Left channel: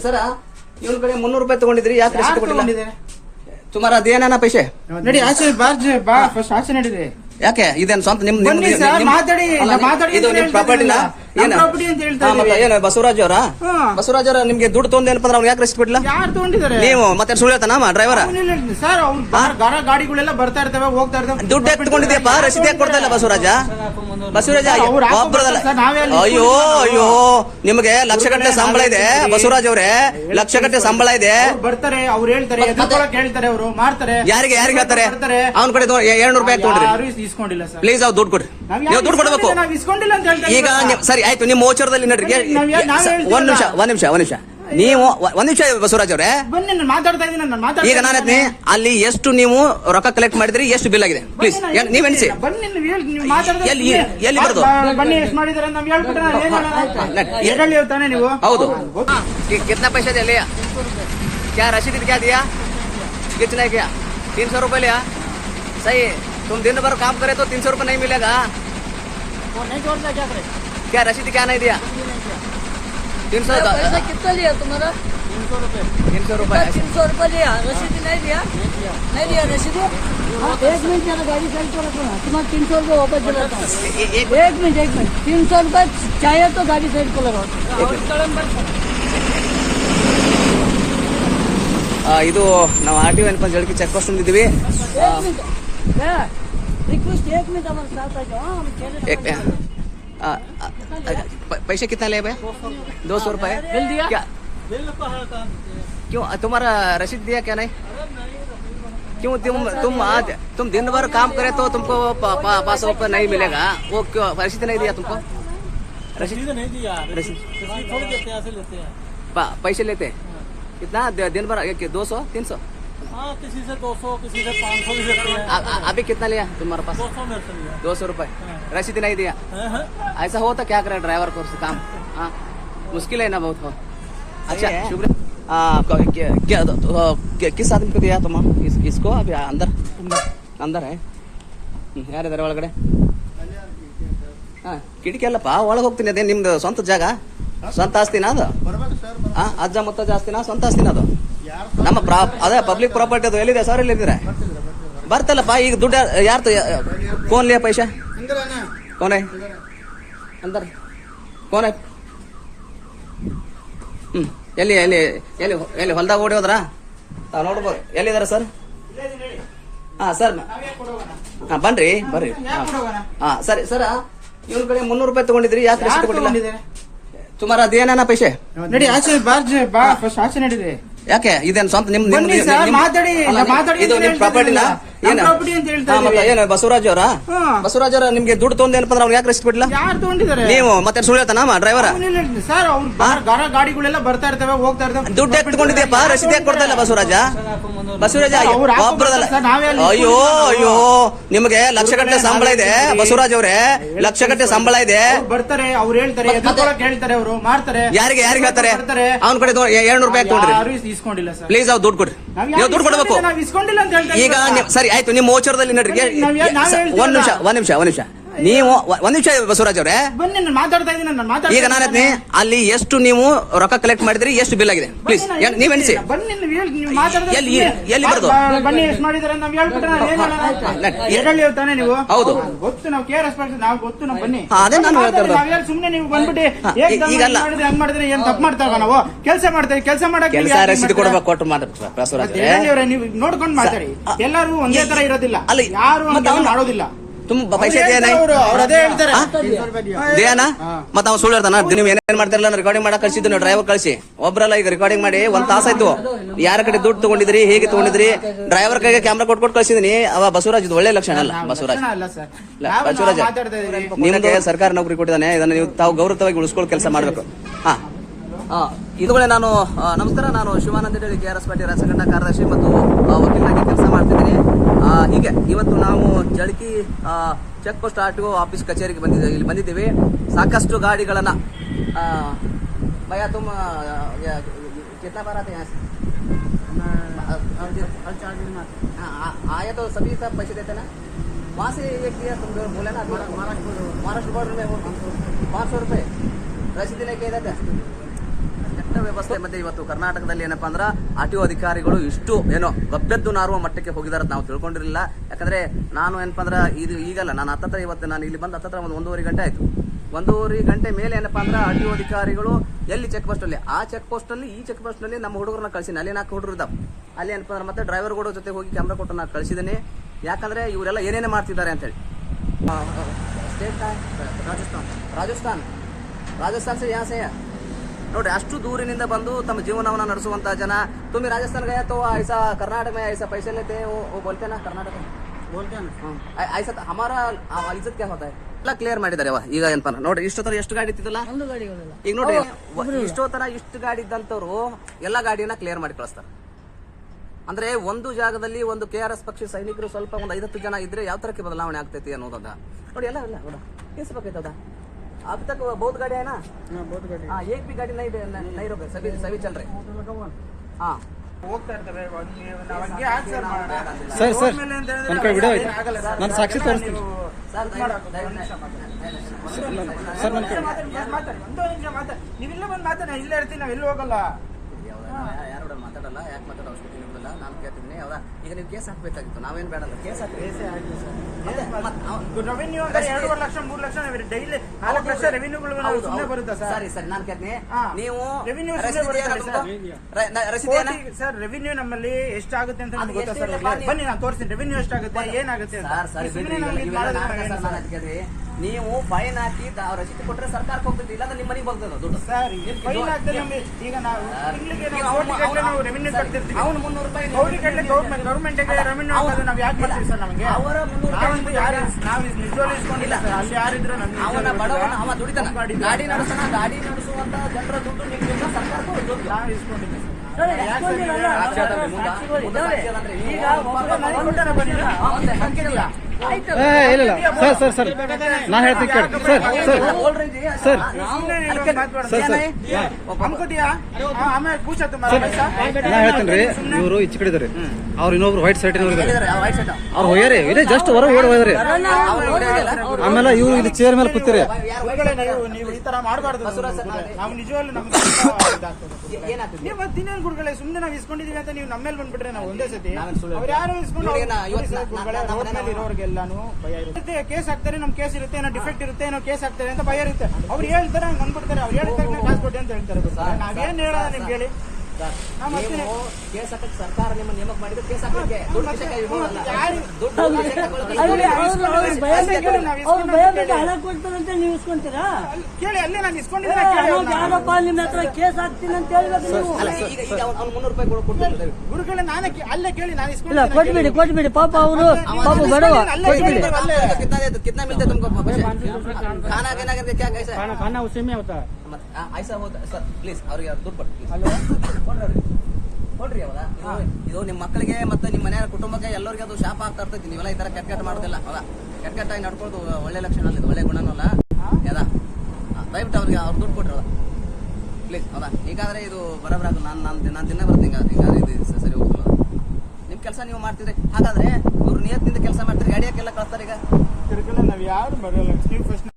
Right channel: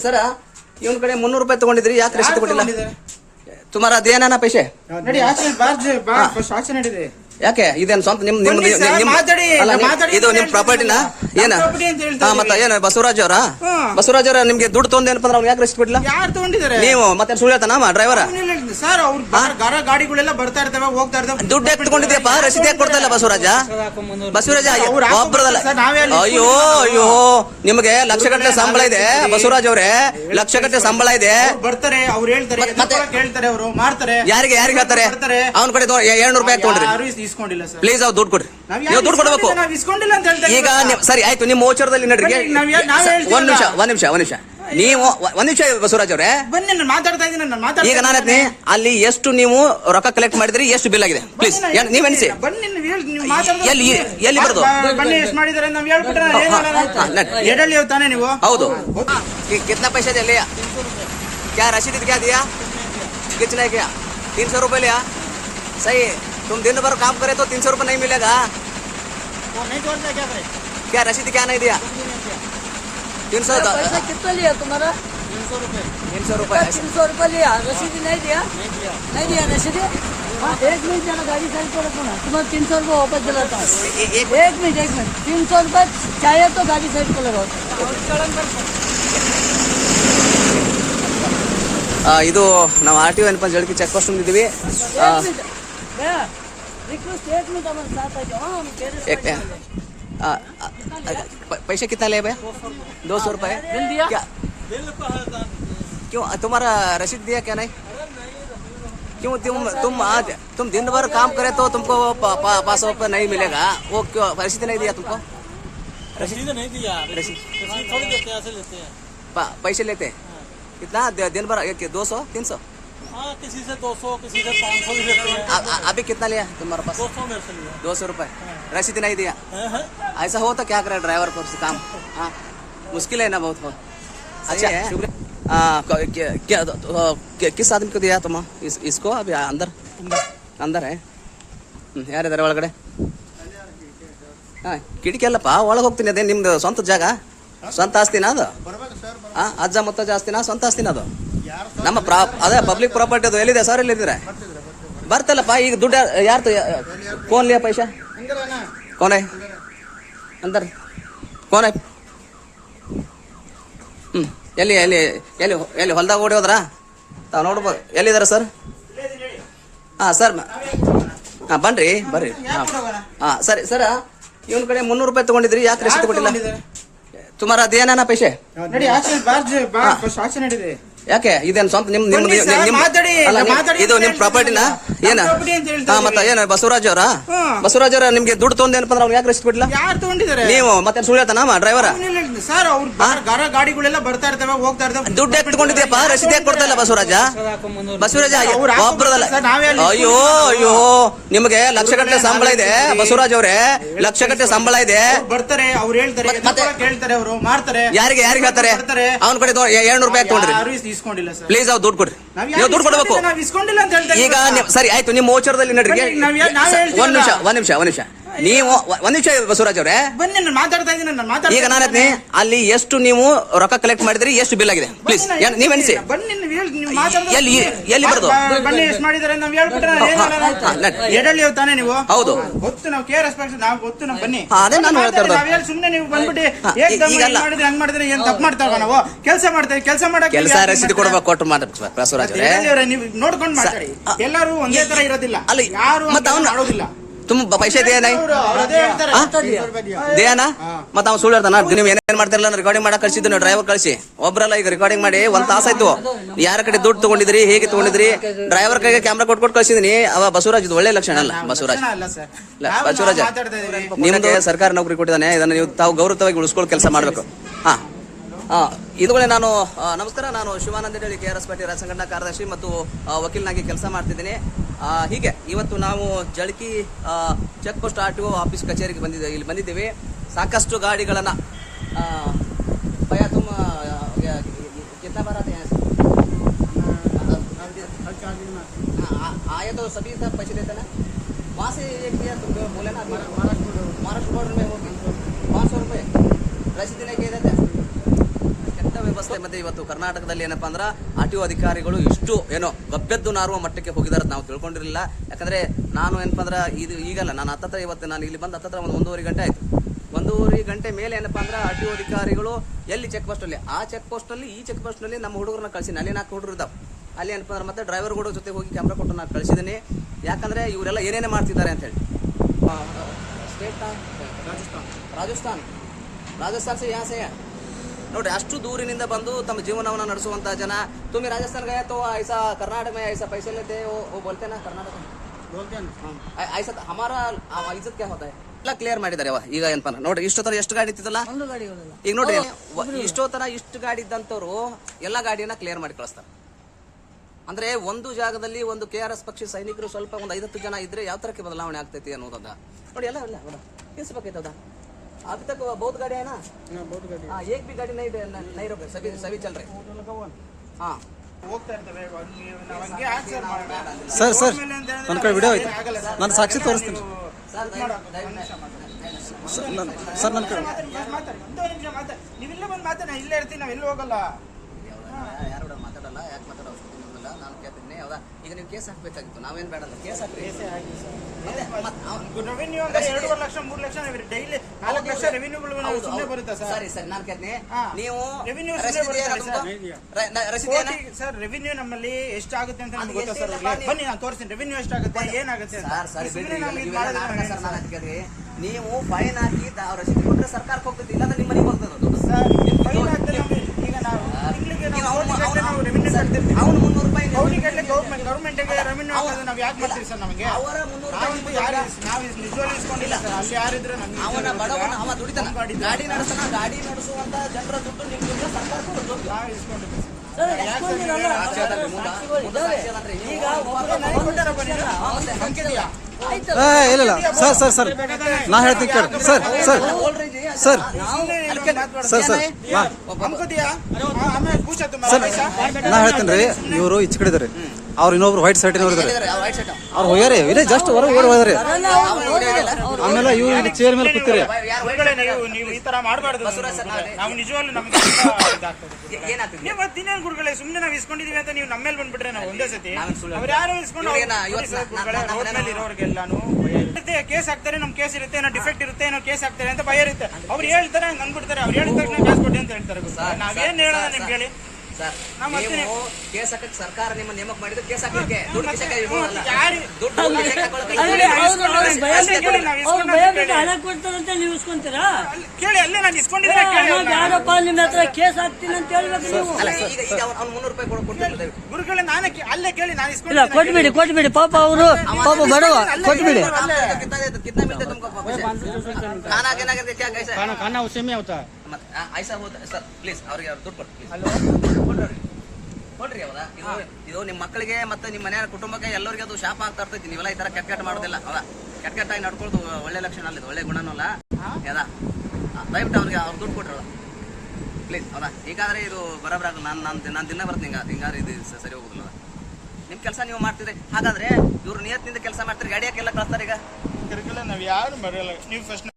ಸರ ಇವನ್ ಕಡೆ ಮುನ್ನೂರು ರೂಪಾಯಿ ತಗೊಂಡಿದ್ರಿ ಯಾಕೆ ರಸೀದಿ ಯಾರು ಕೊಟ್ಟಿಲ್ಲ? ತುಮಾರ ಅದೇನ ಪೈಸೆ? ನಡಿ ಆಚೆ ಬಾರ್ಜ್ ಬಾ ಫಸ್ಟ್ ಆಚೆ ನಡೀರಿ ಯಾಕೆ? ಇದೇನು ಸ್ವಂತ ನಿಮ್ ನಿಮ್- ಬನ್ನಿ ನಿಮ್- ಸರ್, ನಿಮ್- ಮಾತಾಡಿ, ಅಲ್ಲ, ಮಾತಾಡಿ ಇದು ಅಂತ ನಿಮ್ ಹೇಳ್ತಾ ಪ್ರಾಪರ್ಟಿನ ನಮ್ಮ property ಅಂತ ಹೇಳ್ತಾ ಮತ್ತೆ ಇದ್ದೀವಿ. ಏನು ಬಸವರಾಜ್ ಅವರ ಹಾ. ಬಸವರಾಜ್ ಅವರ ನಿಮ್ಗೆ ದುಡ್ಡು ತೊಂದ್ರೆ ಏನಪ್ಪ ಅವ್ನು ಯಾಕೆ ರೆಸ್ಟ್ ಕೊಟ್ಟಿಲ್ಲ ಯಾರು ತಗೊಂಡಿದ್ದಾರೆ ನೀವು ಮತ್ತೆ ಸುಳ್ಳು ಹೇಳ್ತಾನ ಡ್ರೈವರ ಸರ್ ಅವ್ರು ಬಾರ್ ಗಾರ ಗಾಡಿಗಳೆಲ್ಲ ಬರ್ತಾ ಇರ್ತವೆ ಹೋಗ್ತಾ ಇರ್ತವೆ. ದುಡ್ಡು ಯಾಕೆ ತಗೊಂಡಿದ್ಯಪ್ಪ? ರಸೀದಿ ಯಾಕೆ ಕೊಡ್ತಾ ಇಲ್ಲ ಬಸವರಾಜ? ಬಸವರಾಜ ಸರ್, ಅವ್ರು ಹಾಕೋ ಒಬ್ರದಲ್ಲ ಬರ್ತಾರೆ ಸರ್, ನಾವೇ ಅಲ್ಲಿ ಅಯ್ಯೋ. ಅಯ್ಯೋ ನಿಮಗೆ ಲಕ್ಷ ಗಟ್ಟಲೆ ಸಂಬಳ ಇದೆ ಬಸವರಾಜ್ ಅವರೇ ಲಕ್ಷ ಗಟ್ಟಲೆ ಸಂಬಳ ಇದೆ. ಅವ್ರು ಬರ್ತಾರೆ ಅವ್ರು ಹೇಳ್ತಾರೆ ಹೇಳ್ತಾರೆ ಅವರು ಮಾಡ್ತಾರೆ ಯಾರಿಗೆ ಯಾರಿಗೆ ಹೇಳ್ತಾರೆ? ಬರ್ತಾರೆ. ಅವ್ನ ಕಡೆ ಏಳ್ನೂರು ರೂಪಾಯಿ ತಗೊಂಡ್ರಿ ಇಸ್ಕೊಂಡಿಲ್ಲ ಸರ್ ಪ್ಲೀಸ್ ಅವ್ರು ದುಡ್ಡು ಕೊಡ್ರಿ ನಾವ್ ನೀವು ಯಾರು ದುಡ್ಡು ಕೊಡ್ಬೇಕು ಇಸ್ಕೊಂಡಿಲ್ಲ, ನಾವ್ ಇಸ್ಕೊಂಡಿಲ್ಲ ಅಂತ ಹೇಳ್ತಾ ಈಗ ಇದ್ದೀವಿ ನೀವು- ಸರಿ ಆಯ್ತು ನಿಮ್ಮ ಓಚರದಲ್ಲಿ ನಡ್ರಿ ಬನ್ನಿ, ನಾವ್ ಯಾ- ನಾವೇ ಸ- ಹೇಳ್ತೀವಲ್ಲ. ಒಂದ್ ನಿಮಿಷ ಒಂದ್ ನಿಮಿಷ ಒಂದ್ ನಿಮಿಷ ನೀವು ಒ- ಒಂದ್ ನಿಮಿಷ ಬಸವರಾಜ್ ಅವರೇ ಬನ್ನಿ ನಾನು ಮಾತಾಡ್ತಾ ಇದ್ದೀನಿ ನಾನು ಮಾತಾಡ್ತಾ ಈಗ ನಾನು ಇದ್ದೀನಿ. ಅಲ್ಲಿ ಎಷ್ಟು ನೀವು ರೊಕ್ಕ ಕಲೆಕ್ಟ್ ಮಾಡಿದ್ರಿ ಎಷ್ಟು ಬಿಲ್ ಆಗಿದೆ ಪ್ಲೀಸ್ ಬನ್ನಿ, ನೀವ್ ಎಣಿಸಿ ಬನ್ನಿ ನೀವು ಹೇಳಿ ನೀವು ಮಾತಾಡ್ತಾ ಎಲ್ಲಿ- ಇದ್ದೀನಿ. ಎಲ್ಲಿ ಬರೋದು? ಬಾ- ಬನ್ನಿ ಎಷ್ಟು ಮಾಡಿದ್ದಾರೆ ನಾವ್ ಹೇಳ್ಬಿಟ್ರೆ ನಾವ್ ಏನ್ ಹಾ, ಹಾ, ಹೇಳೋಣ? ಎಡಲಿ ತಾನೆ ನೀವು ಹೌದು ಗೊತ್ತು. कि- कितना पैसा दे लिया क्या रसीद क्या दिया कितना क्या तीन सौ रुपये लिया सही है तुम दिन भर काम करे तो तीन सौ रुपये नहीं मिलेगा वो नहीं छोड़ता क्या करे क्या रसीद क्या नहीं दिया तीन सौ पैसा कितना लिया तुम्हारा तीन सौ रुपए तीन सौ रुपये ऐसा तीन सौ रुपया लिया रसीदी नहीं दिया नहीं दिया रसीदी हाँ एक मिनट जरा गाड़ी साइड पर रखो ना तुम्हारा तीन सौ रुपया वापस दिलाता हूँ ए- एक एक मिनट एक मिनट तीन सौ रुपया चाहिए तो गाड़ी साइड पर लगाओ ಆ, ಇದು ನಾವು ಆರ್ ಟಿ ಒ ಏನಪ್ಪ ಜಳಕಿ ಚೆಕ್ ಪೋಸ್ಟ್ ಇದ್ದೀವಿ एक हाँ, पैसे कितना ले भाई? दो सौ रुपए। बिल दिया? क्या? क्यों तुम्हारा रसीद दिया क्या नहीं? क्यों तुम तुम आज तुम दिन भर काम करे तो तुमको पाँच सौ रुपये नहीं मिलेगा? वो क्यों रसीद नहीं दिया तुमको? रसीद? नहीं दिया। रसीद? रसीद थोड़ी देते हैं लेते हैं। पैसे लेते हैं? कितना दिन भर दो सौ तीन सौ? हाँ किसी से 200 किसी से 500 भी लेते हैं आ- आ- अभी कितना लिया तुम्हारे पास 200 मेरे से लिया दो सौ रुपये रसीद नहीं दिया हैं, हैं? ऐसा हो तो क्या करे ड्राइवर को काम हाँ मुश्किल है ना बहुत हो अच्छा शुक्रिया आ, क- क्या क्या तो, क्या- किस आदमी को दिया तुम इस, इसको अभी अंदर अंदर है ಹ್ಮ್, ಯಾರಿದ್ದಾರೆ ಒಳಗಡೆ ಹಾ ಕಿಟಕಿ ಅಲ್ಲಪ್ಪ ಒಳಗೆ ಹೋಗ್ತೀನಿ ಅದೇ ನಿಮ್ದು ಸ್ವಂತ ಜಾಗ ಸ್ವಂತ ಆಸ್ತಿನ ಅದು ಹಾ ಅಜ್ಜ ಮುತ್ತಜ್ಜ ಆಸ್ತಿನ ಸ್ವಂತ ಆಸ್ತಿನ ಅದು ನಮ್ಮ ಪ್ರಾ ಅದೇ ಪಬ್ಲಿಕ್ ಪ್ರಾಪರ್ಟಿ ಅದು ಎಲ್ಲಿದೆ ಸರ್ ಎಲ್ಲಿದ್ದೀರಾ ಬರ್ತಲ್ಲಪ್ಪ ಈಗ ದುಡ್ಡು ಯಾರ್ದು ಕೋನ್ಲಿಯ ಪೈಸಾ? ಕೋನೆ ಅಂತಾರೆ ಕೋನೆ ಹ್ಞೂ ಎಲ್ಲಿ ಎಲ್ಲಿ ಎಲ್ಲಿ ಎಲ್ಲಿ ಹೊಲ್ದಾಗ ಓಡಿ ಹೋದ್ರಾ? ತಾವು ನೋಡ್ಬೋದು. ಎಲ್ಲಿದಾರ ಸರ್ ಹಾಂ ಸರ್ ಹಾಂ ಬನ್ರಿ ಬರ್ರಿ ಹಾಂ. ಸರಿ ಸರ ಇವ್ನ ಕಡೆ ಮುನ್ನೂರು ರೂಪಾಯಿ ತೊಗೊಂಡಿದ್ರಿ ಯಾಕೆ ಸುಮಾರು ಅದೇನ ಪೈಸೆ? ನಡಿ ಆಚೆ ಬಾರ್ಜಿ ಬಾ ಫಸ್ಟ್ ಆಚೆ ನಡಿದೆ ಯಾಕೆ? ಇದೇನ್ ಸ್ವಂತ ನಿಮ್ ನಿಮ್- ಬನ್ನಿ ನಿಮ್- ಸರ್, ನಿಮ್- ಮಾತಾಡಿ, ಅಲ್ಲ, ನಿಮ್- ಮಾತಾಡಿ ಇದು ಅಂತ ನಿಮ್ ಹೇಳ್ತಾ ಪ್ರಾಪರ್ಟಿನ ಇದ್ದೀವಿ. ನಮ್ಮ property ಅಂತ ಹೇಳ್ತಾ ಮತ್ತೆ ಏನು ಬಸವರಾಜ್ ಅವರ? ಹಾ. ಬಸವರಾಜ್ ಅವರ ನಿಮ್ಗೆ ದುಡ್ಡು ತೊಂದ್ರೆ ಏನಪ್ಪ ಅವ್ರು ಯಾಕೆ ರೆಸ್ಟ್ ಬಿಡ್ಲಾ ಯಾರು ತಗೊಂಡಿದ್ದಾರೆ? ನೀವು ಮತ್ತೆ ಸುಳ್ಳು ಹೇಳ್ತಾನ ಡ್ರೈವರ ಸರ್ ಅವ್ರು ಗಾರ ಗಾಡಿಗಳೆಲ್ಲ ಬರ್ತಾ ಇರ್ತವೆ ಹೋಗ್ತಾ ಇರ್ತವೆ. ದುಡ್ಡು ಯಾಕೆ ರಸೀದಿ ಯಾಕೆ ಕೊಡ್ತಾ ಇಲ್ಲ ಬಸವರಾಜ? ಬಸವರಾಜ ಅಯ್ಯೋ ಅಯ್ಯೋ ನಿಮಗೆ ಲಕ್ಷ ಗಟ್ಟಲೆ ಸಂಬಳ ಇದೆ. ಬಸವರಾಜ್ ಅವರೇ ಲಕ್ಷ ಗಟ್ಟಲೆ ಸಂಬಳ ಇದೆ. ಅವ್ರು ಬರ್ತಾರೆ ಅವ್ರು ಹೇಳ್ತಾರೆ ಹೇಳ್ತಾರೆ ಅವರು ಮಾಡ್ತಾರೆ ಯಾರಿಗೆ ಯಾರಿಗೆ ಹೇಳ್ತಾರೆ? ಬರ್ತಾರೆ? ಅವ್ನ ಕಡೆ ಏಳ್ನೂರು ರೂಪಾಯಿ ತಗೊಂಡ್ರಿ ಇಸ್ಕೊಂಡಿಲ್ಲ ಸರ್. ಪ್ಲೀಸ್ ಅವ್ರು ದುಡ್ಡು ಕೊಡ್ರಿ. ನಾವ್ ದುಡ್ಡು ಕೊಡ್ಬೇಕು. ಈಗ ಸರಿ ಆಯ್ತು ನಿಮ್ಮ ಓಚರದಲ್ಲಿ ನಡ್ರಿ. ಒಂದ್ ನಿಮಿಷ ಒಂದ್ ನಿಮಿಷ ಒಂದ್ ನಿಮಿಷ. ನೀವು ಒಂದ್ ನಿಮಿಷ ಬಸವರಾಜ್ ಅವರೇ. ಬನ್ನಿ ನಾನು ಮಾತಾಡ್ತಾ ಇದ್ದೀನಿ ನಾನು ಮಾತಾಡ್ತಾ ಈಗ ನಾನು ಹೇಳ್ತೀನಿ ಅಲ್ಲಿ ಎಷ್ಟು ನೀವು ರೊಕ್ಕ ಕಲೆಕ್ಟ್ ಮಾಡಿದ್ರಿ ಎಷ್ಟು ಬಿಲ್ ಆಗಿದೆ? ಪ್ಲೀಸ್ ನಾನು ನೀವ್ ಎಣಿಸಿ. ಬನ್ನಿ ನೀವು ಹೇಳಿ ನೀವು ಮಾತಾಡ್ತಾ ಎಲ್ಲಿ-. ಎಲ್ಲಿ ಬರೋದು? ಬನ್ನಿ ಎಷ್ಟು ಮಾಡಿದಾರೆ ನಾವ್ ಹೇಳ್ಬಿಟ್ರೆ ನಾವ್ ಏನ್ ಹಾ, ಹೇಳೋಣ? ಹಾ, ಎಡಲಿ ತಾನೆ ನೀವು. ಹೌದು. ಗೊತ್ತು ನಾವು ಕೇರ್ ರೆಸ್ಪೆಕ್ಟ್ ನಾವು ಗೊತ್ತು ನಾವು ಬನ್ನಿ. ಅದೇ ನಾನು ಹೇಳ್ತಾ ನಾವ್ ಹೇಳಿ ಸುಮ್ನೆ ನೀವು ಬಂದ್ಬಿಟ್ಟು ಏನ್ ಮಾಡಿದ್ರೆ ಹಂಗ್ ಮಾಡಿದ್ರೆ ಏನ್ ತಪ್ಪು ಮಾಡ್ತಾವ ನಾವು? ಕೆಲಸ ಮಾಡ್ತೇವೆ ಕೆಲಸ ಮಾಡಕ್ ನೀವು ಕೆಲಸ ರಸೀದಿ? ಕೊಡ್ಬೇಕು ಕೊಟ್ಟು ಮಾತಾಡ್ತೀವಿ ಬಸವರಾಜ್ ಮತ್ತೆ ಅವರೇ. ಎಡಲಿ ಅವ್ರೆ, ನೀವು ನೋಡ್ಕೊಂಡು ಮಾತಾಡಿ. ಎಲ್ಲರೂ ಒಂದೇ ತರ ಇರೋದಿಲ್ಲ. ಅಲ್ಲಿ ಯಾರು ಮಾಡೋದಿಲ್ಲ. ತುಂಬ ಪೈಸೆ ಇದೆಯಾ ದೇಯನ ಮತ್ತೆ ಅವ್ನು ಸುಳ್ಳು ಹೇಳ್ತಾನ ನೀವು ಏನೇನ್ ಮಾಡ್ತಿರಲ್ಲ ರೆಕಾರ್ಡಿಂಗ್ ಮಾಡಕ್ ಕಳ್ಸಿದ್ದು ಡ್ರೈವರ್ ಕಳಿಸಿ. ಒಬ್ರಲ್ಲ ಈಗ ರೆಕಾರ್ಡಿಂಗ್ ಮಾಡಿ ಒಂದ್ ತಾಸಾಯ್ತು ಯಾರ ಕಡೆ ದುಡ್ಡು ತಗೊಂಡಿದ್ರಿ ಹೇಗೆ ತಗೊಂಡಿದ್ರಿ? ಡ್ರೈವರ್ ಕೈಗೆ ಕ್ಯಾಮ್ರಾ ಕೊಟ್ಕೊಟ್ಟು ಕಳ್ಸಿದಿನಿ. ಅವ ಬಸವರಾಜ್ ಇದು ಒಳ್ಳೆ ಲಕ್ಷಣ ಅಲ್ಲ ಬಸವರಾಜ್. ಬಸವರಾಜ್ ನಿಮ್ಗೆ ಸರ್ಕಾರ ನೌಕರಿ ಕೊಟ್ಟಿದ್ದಾನೆ ಇದನ್ನ ನೀವು ತಾವು ಗೌರವವಾಗಿ ಉಳಿಸ್ಕೊಳ್ಳೋ ಕೆಲಸ ಮಾಡ್ಬೇಕು. ಹಾ. ಹಾ. ಇದುಗಳೇ ನಾನು ಆ, ನಮಸ್ಕಾರ ನಾನು ಶಿವಾನಂದ ಹೇಳಿ ಕೆ ಆರ್ ಎಸ್ ಪಾಟೀಲ್ ರಾಜಸಂಘಟನಾ ಕಾರ್ಯದರ್ಶಿ ಮತ್ತು ಆ, ವಕೀಲನಾಗಿ ಕೆಲಸ ಮಾಡ್ತಿದ್ದೀನಿ ಆ, ಹೀಗೆ ಇವತ್ತು ನಾವು Jalaki check post R T O office ಕಚೇರಿಗೆ ಬಂದಿದ್ದೇವೆ ಇಲ್ಲಿ ಬಂದಿದ್ದೀವಿ ಸಾಕಷ್ಟು ಗಾಡಿಗಳನ್ನು ಭಯ ತುಂಬ कितना बार आते हैं यहाँ से हाँ, आए तो सभी का पैसे देते ना वहाँ से एक दिया तुम जो बोले ना महाराष्ट्र बॉर्डर में वो पाँच सौ रुपये रसीद नहीं कह देते कितना ವ್ಯವಸ್ಥೆ ಮಧ್ಯೆ ಇವತ್ತು ಕರ್ನಾಟಕದಲ್ಲಿ ಏನಪ್ಪಾ ಅಂದ್ರೆ ಆರ್ ಟಿ ಒ ಅಧಿಕಾರಿಗಳು ಇಷ್ಟು ಏನೋ ಗಬ್ಬೆದ್ದು ನಾರುವ ಮಟ್ಟಕ್ಕೆ ಹೋಗಿದಾರೆ ಅಂತ ನಾವು ತಿಳ್ಕೊಂಡಿರಲಿಲ್ಲ. ಯಾಕಂದ್ರೆ ನಾನು ಏನಪ್ಪಾ ಅಂದ್ರೆ ಇದು ಈಗಲ್ಲ ನಾನು ಹತ್ತತ್ರ ಇವತ್ತು ನಾನು ಇಲ್ಲಿ ಬಂದು ಹತ್ತತ್ರ ಒಂದು ಒಂದೂವರೆ ಗಂಟೆ ಆಯ್ತು. ಒಂದೂವರೆ ಗಂಟೆ ಮೇಲೆ ಏನಪ್ಪಾ ಅಂದ್ರೆ ಆರ್ ಟಿ ಒ ಅಧಿಕಾರಿಗಳು ಎಲ್ಲಿ ಚೆಕ್ ಪೋಸ್ಟ್ ಅಲ್ಲಿ? ಆ ಚೆಕ್ ಪೋಸ್ಟ್ ಅಲ್ಲಿ ಈ ಚೆಕ್ ಪೋಸ್ಟ್ನಲ್ಲಿ ನಮ್ಮ ಹುಡುಗರನ್ನ ಕಳ್ಸಿನಿ. ಅಲ್ಲಿ ನಾಲ್ಕು ಹುಡುಗರು ಇದ್ದಾವೆ. ಅಲ್ಲಿ ಏನಪ್ಪಾ ಅಂದ್ರೆ ಮತ್ತೆ ಡ್ರೈವರ್ ಕೂಡ ಜೊತೆ ಹೋಗಿ ಕ್ಯಾಮ್ರಾ ಕೊಟ್ಟು ನಾನು ಕಳಿಸಿದ್ದೀನಿ ಯಾಕಂದ್ರೆ ಇವರೆಲ್ಲ ಏನೇನೇ ಮಾಡ್ತಿದ್ದಾರೆ ಅಂತೇಳಿ ಸ್ಟೇಟ್ ರಾಜಸ್ಥಾನ್. ರಾಜಸ್ಥಾನ್. ರಾಜಸ್ಥಾನ್ ಸೆ ಯಾ ಹೈ? ನೋಡ್ರಿ ಅಷ್ಟು ದೂರಿನಿಂದ ಬಂದು ತಮ್ಮ ಜೀವನವನ್ನ ನಡೆಸುವಂತ ಜನ. ತುಂಬಿ ರಾಜಸ್ಥಾನ ಗಯ ತೋ ಐಸಾ ಕರ್ನಾಟಕ ಐಸಾ ಪೈಸಲ್ಯತೆ ಓ ಕರ್ನಾಟಕ ಐಸತ್ ಹಮಾರ ಇಜ್ಜತ್ ಕ್ಯಾ ಎಲ್ಲ ಕ್ಲಿಯರ್ ಮಾಡಿದಾರೆ ಈಗ ಏನಪ್ಪಾ ನೋಡ್ರಿ ಇಷ್ಟೋತರ ಎಷ್ಟು ಗಾಡಿ ಇತ್ತಲ್ಲ ಗಾಡಿ ಈಗ ನೋಡ್ರಿ ಇಷ್ಟೋ ತರ ಇಷ್ಟು ಗಾಡಿ ಇದ್ದಂಥವ್ರು ಎಲ್ಲಾ ಗಾಡಿಯನ್ನ ಕ್ಲಿಯರ್ ಮಾಡಿ ಕಳಿಸ್ತಾರೆ. ಅಂದ್ರೆ ಒಂದು ಜಾಗದಲ್ಲಿ ಒಂದು ಕೆ ಆರ್ ಎಸ್ ಪಕ್ಷಿ ಸೈನಿಕರು ಸ್ವಲ್ಪ ಒಂದು ಐದತ್ತು ಜನ ಇದ್ರೆ ಯಾವ ತರಕ್ಕೆ ಬದಲಾವಣೆ ಆಗ್ತೈತಿ ಅನ್ನೋದದ ನೋಡಿ ಎಲ್ಲ ಎಲ್ಲ ಇಸ್ಬೇಕಾಯ್ತದ ತಿಳಿಸ್ಬೇಕಾಯ್ತದ अब तक बहुत गाड़ी है ना बहुत गाड़ी हाँ एक भी गाड़ी नहीं नहीं रोके सभी सभी चल रहे हाँ ಹೋಗ್ತಾ ಇರ್ತವೆ ಹಂಗೆ ನಾವ್ ಹಂಗೆ ಹಾಕಿ ಸರ್ ಮಾಡೋಣ. ಸರ್ ಸರ್ ಮೇಲೆ ಅಂತ ಹೇಳಿದ್ರೆ ನನ್ನ ಕಡೆ ವಿಡಿಯೋ ಐತೆ ಆಗಲ್ಲ ಸರ್. ನಾನು ಸಾಕ್ಷಿ ತೋರಿಸ್ತೀನಿ ನೀವು ಸರ್ ಇದ್ ಮಾಡಾಕು. ಒಂದ್ ನಿಮಿಷ ಮಾತಾಡಿ. ಸರ್ ನನ್ನ ಒಂದ್ ನಿಮಿಷ ಮಾತಾಡಿ, first ಮಾತಾಡಿ. ಒಂದೇ ಒಂದ್ ನಿಮಿಷ ಮಾತಾಡಿ. ನೀವ್ ಇಲ್ಲೇ ಬಂದ್ ಮಾತಾಡಿ, ನಾ ಇಲ್ಲೇ ಇರ್ತೀನಿ ನಾವ್ ಎಲ್ಲೂ ಹೋಗಲ್ಲ ನಾನು ಕೇಳ್ತಿದ್ದೀನಿ ಹೌದಾ? ಈಗ ನೀವು ಕೇಸ್ ಹಾಕ್ಬೇಕಾಗಿತ್ತು. ನಾವೇನ್ ಬೇಡ ಕೇಸ್ ಹಾಕ್ರಿ ಸರ್. ಸರಿ? ನಾನು ಕೇಳ್ತೀನಿ ನೀವು ಸರ್? ರೆವಿನ್ಯೂ ನಮ್ಮಲ್ಲಿ ಎಷ್ಟಾಗುತ್ತೆ ಅಂತ ನಮ್ಗೆ ಗೊತ್ತಾ ಸರ್? ಬನ್ನಿ ನಾನು ತೋರಿಸ್ತೀನಿ. ರೆವಿನ್ಯೂ ಎಷ್ಟಾಗುತ್ತೆ? ಏನಾಗುತ್ತೆ. ಸರ್? ನೀವು ಫೈನ್ ಹಾಕಿ ರಸೀದಿ ಕೊಟ್ಟರೆ ಸರ್ಕಾರಕ್ಕೆ ಹೋಗ್ತೈತಿ ಇಲ್ಲಾಂದ್ರೆ ನಿಮ್ಮ ಮನೆಗೆ ಹೋಗ್ತದೆ ದುಡ್ಡು ಸರ್ ಫೈನ್ ನಮ್ಗೆ. ಈಗ ನಾವು ಅವನು ಮುನ್ನೂರು ರೂಪಾಯಿ ಅವನ- ನಾವು ಯಾಕೆ ಮಾಡ್ತೀವಿ ಸರ್ ನಮಗೆ? ಅವರ ಮುನ್ನೂರು ನಾವು ಯಾರು ನಾವು ನಿಜವಾಗ್ಲೂ ಇಸ್ಕೊಂಡಿಲ್ಲ ಸರ್ ಅಲ್ಲಿ ಯಾರಿದ್ರು ನಮ್ಗೆ ಅವನ ಬಡವನ ಅವ ದುಡಿತಾನ. ಗಾಡಿ ನಡೆಸೋಣ ಗಾಡಿ ನಡೆಸುವಂತ ಜನರ ದುಡ್ಡು ನಿಮ್ಗೆ ಸರ್ಕಾರಕ್ಕೂ ದುಡ್ಡು. ನಾವು ಇಸ್ಕೊಂಡಿದ್ದೀವಿ. ಸಾಕ್ಷಿ ಅದಲ್ರಿ ಮುಂದ? ಸಾಕ್ಷಿ ಅದಲ್ರಿ ಈಗ ಮತ್ತೆ. ಏ ಇಲ್ಲ ಸರ್ ಸರ್ ಸರ್. ನಾ ಹೇಳ್ತೀನಿ ಕೇಳಿ. Sir sir. Sir. Sir sir. ನಾ ಹೇಳ್ತೀನಿ ರೀ, ಇವರು ಇಚ್ ಕಡಿದ್ರಿ ಅವ್ರು ಇನ್ನೊಬ್ರು ವೈಟ್ ಶರ್ಟ್ ಇದ್ದಾರೆ ಅವ್ರು ಹೋಗ್ಯಾರಿ, ಇಲ್ಲೇ ಜಸ್ಟ್ ಹೊರಗೆ ಓಡ್ ಹೋಗ್ಯಾರಿ. ಆಮೇಲೆ ಇವ್ರು ಇಲ್ಲಿ ಚೇರ್ ಮೇಲೆ ಕೂತಿರಿ. ನೀವು ನೀವು ಈ ತರ ಮಾಡಬಾರ್ದು ನಾವು ನಿಜವಾಗ್ಲೂ ನಮ್ಗೆ ಇದಾಗ್ತದೆ. ನೀವು ಗುರುಗಳೇ ಸುಮ್ಮನೆ ನಾವು ಇಸ್ಕೊಂಡಿದೀವಿ ಅಂತ ನೀವು ನಮ್ಮ ಮೇಲೆ ಬಂದ್ಬಿಟ್ರೆ ನಾವು ಒಂದೇ ಸತಿ. ಅವ್ರು ಯಾರು ಇಸ್ಕೊಂಡು ಇವ್ರಿಗೆ ನಾ- ಇವತ್ತು ನೋಡಿ ನಾ- ಗುರುಗಳೇ, ನಾ- ರೋಡ್ ಮೇಲೆ ಇರೋರ್ಗೆಲ್ಲಾನು ಭಯ ಇರುತ್ತೆ ಕೇಸ್ ಹಾಕ್ತಾರೆ ನಮ್ ಕೇಸ್ ಇರುತ್ತೆ ಏನೋ ಡಿಫೆಕ್ಟ್ ಇರುತ್ತೆ ಏನೋ ಕೇಸ್ ಹಾಕ್ತಾರೆ ಅಂತ ಭಯ ಇರುತ್ತೆ. ಅವ್ರು ಹೇಳ್ತಾರೆ ಹಂಗ್ ಅಂದ್ಬಿಡ್ತಾರೆ. ಅವ್ರು ಹೇಳಿದ ತಕ್ಷಣ ಕೇಸ್ ಕೊಡಿ ಅಂತ ಹೇಳ್ತಾರೆ ಗುರುಗಳೇ. ನಾವೇನ್ ಹೇಳೋಣ ನಿಮ್ಗೆ ಹೇಳಿ? ಸರ್ ನಾವು ಮತ್ತೆ- ನೀವು ಕೇಸ್ ಹಾಕಕ್ಕೆ ಸರ್ಕಾರ ನಿಮ್ಮ ನೇಮಕ ಮಾಡಿದ್ದು ಕೇಸ್ ಹಾಕ್ಲಿಕ್ಕೆ ದುಡ್ಡು ಕಿಸಕ್ಕೆ ಇರ್ಬೋದಲ್ಲ ಯಾರು- ದುಡ್ಡು ಕಿಸಕ್ಕೆ ಹಾಕೊಳ್ಳೋಕೆ ಹೇಳಿ, ನಾವು ಹೌದು, ಇಸ್ಕೊಂಡ್ರೆ ಹೌದು, ಭಯ ಭಯ ಕೇಳಿ, ನಾವು ಅವ್ರು ಇಸ್ಕೊಂಡ್ರೆ ಭಯ ಅಂತ ಬಿಟ್ಟು ಕೇಳಿ. ಹಣ ಕೊಡ್ತಾರಂತೆ ನೀವು ಇಸ್ಕೊಂತೀರಾ ಅಲ್ಲಿ ಕೇಳಿ ಅಲ್ಲೇ ನಾನು ಇಸ್ಕೊಂಡಿದ್ರೆ ಕೇಳಿ ಹಣ ಬೇಡಪ್ಪ ನಿಮ್ಮ ಹತ್ರ ಕೇಸ್ ಹಾಕ್ತೀನಿ ಅಂತ ಹೇಳ್ಬೇಕು ನೀವು ಅಲ್ಲ ಈಗ ಈಗ ಅವ್ನು ಮುನ್ನೂರು ರೂಪಾಯಿ ಕೊಡು ಕೊಡ್ತಿರ್ಲಿಲ್ಲ ಗುರುಗಳೇ ನಾನೇ ಕೇ- ಅಲ್ಲೇ ಕೇಳಿ ನಾನು ಇಲ್ಲ ಇಸ್ಕೊಂಡಿದ್ದೀನಿ ಕೊಟ್ಬಿಡಿ ಕೊಟ್ಬಿಡಿ ಪಾಪ ಅವರು ಪಾಪ ಬಡವ ಅಲ್ಲೇ ಕೊಟ್ಬಿಡಿ ಕೇಳಿ ಅಲ್ಲೇ कितना दे कितना मिलते तुमको पैसे खाना देना करके क्या कैसा है खाना उसी में होता है ಮತ್- ಆ, ಐಸಾ ಹೋದ ಸರ್ ಪ್ಲೀಸ್ ಅವ್ರಿಗೆ ಅವ್ರು ದುಡ್ಡು ಕೊಟ್ಟು ಕೊಡ್ರಿ ಅವ್ರಿಗೆ. ಕೊಡ್ರಿ ಹೌದಾ ಇದು ಇದು ನಿಮ್ಮ ಮಕ್ಕಳಿಗೆ ಮತ್ತೆ ನಿಮ್ಮ ಮನೆಯ ಕುಟುಂಬಕ್ಕೆ ಎಲ್ಲರಿಗೆ ಅದು ಶಾಪ ಆಗ್ತಾ ಇರ್ತೈತಿ. ನೀವೆಲ್ಲ ಈ ತರ ಕೆಟ್ಟ ಕೆಟ್ಟ ಮಾಡೋದಿಲ್ಲ ಹೌದಾ ಕೆಟ್ಟ ಕೆಟ್ಟಾಗಿ ನಡ್ಕೊಳ್ಳೋದು ಒಳ್ಳೆ ಲಕ್ಷಣ ಅಲ್ಲ ಒಳ್ಳೆ ಗುಣನೂ ಅಲ್ಲ. ದಯವಿಟ್ಟು ಅವ್ರಿಗೆ ಅವ್ರು ದುಡ್ಡು ಕೊಟ್ರಲ್ಲ ಪ್ಲೀಸ್ ಹೌದಾ ಹೀಗಾದ್ರೆ ಇದು ಬರೋಬ್ಬರ ನಾನು ನಾನು ನಾನು ದಿನ ಬರ್ತೀನಿ ಹಿಂಗಾದ್ರೆ ಹಿಂಗಾದ್ರೆ ಇದು ಸರಿ ಹೋಗಲ್ಲ ನಿಮ್ಮ ಕೆಲಸ ನೀವು ಮಾಡ್ತಿದ್ರಿ. ಹಾಗಾದ್ರೆ ಇವ್ರು ನಿಯತ್ತಿಂದ ಕೆಲಸ ಮಾಡ್ತೀರಿ ಗಾಡಿ ಯಾಕೆಲ್ಲ ಕಳಿಸ್ತಾರೆ ಈಗ? ನಾವು ಯಾರು ನೀವು ಫಸ್ಟ್